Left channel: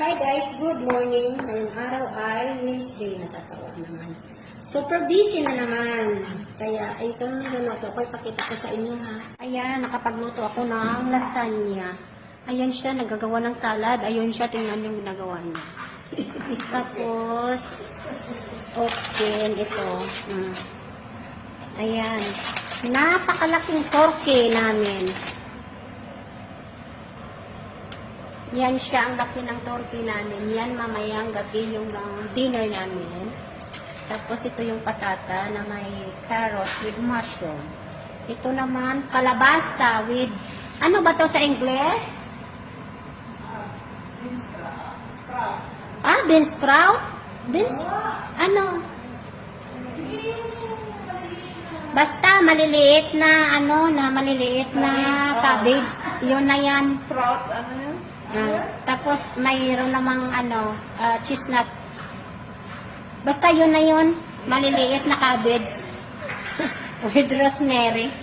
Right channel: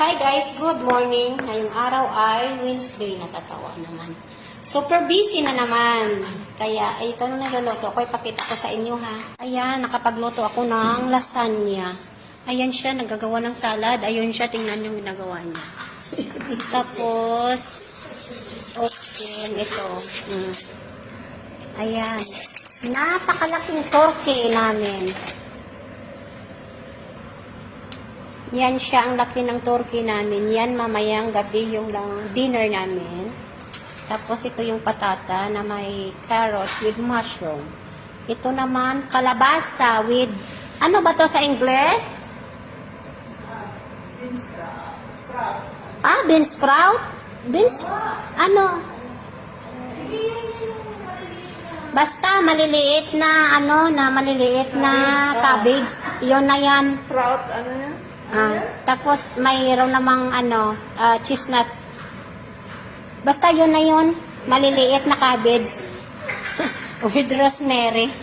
Hi guys, good morning. Ngayong araw ay Wednesday, natatawa naman. Super busy na naman. Kaya ito na niluluto ko, ipakita ko sa inyo ha. Ayan, nakapagluto ako ng lasagna. Ayan siya, nagagawa ng salad. Ayun siya, tingnan yung ginagawa niya. Tapos, okay, ito. Ayan. Napakalaking torque namin. Yan siya, ang laki ng turkey namin. Yan mamayang gabi yung dinner namin. Tapos ito yung patata na may carrots with mushroom. Ito naman, kalabasa with, ano ba to sa Ingles? Bean sprout? Ano? Basta maliliit na, maliliit na cabbage. Yun na yan. Sprout, ano yan? Tapos mayroon namang chestnut. Basta yun na yun, maliliit na cabbage with rosemary.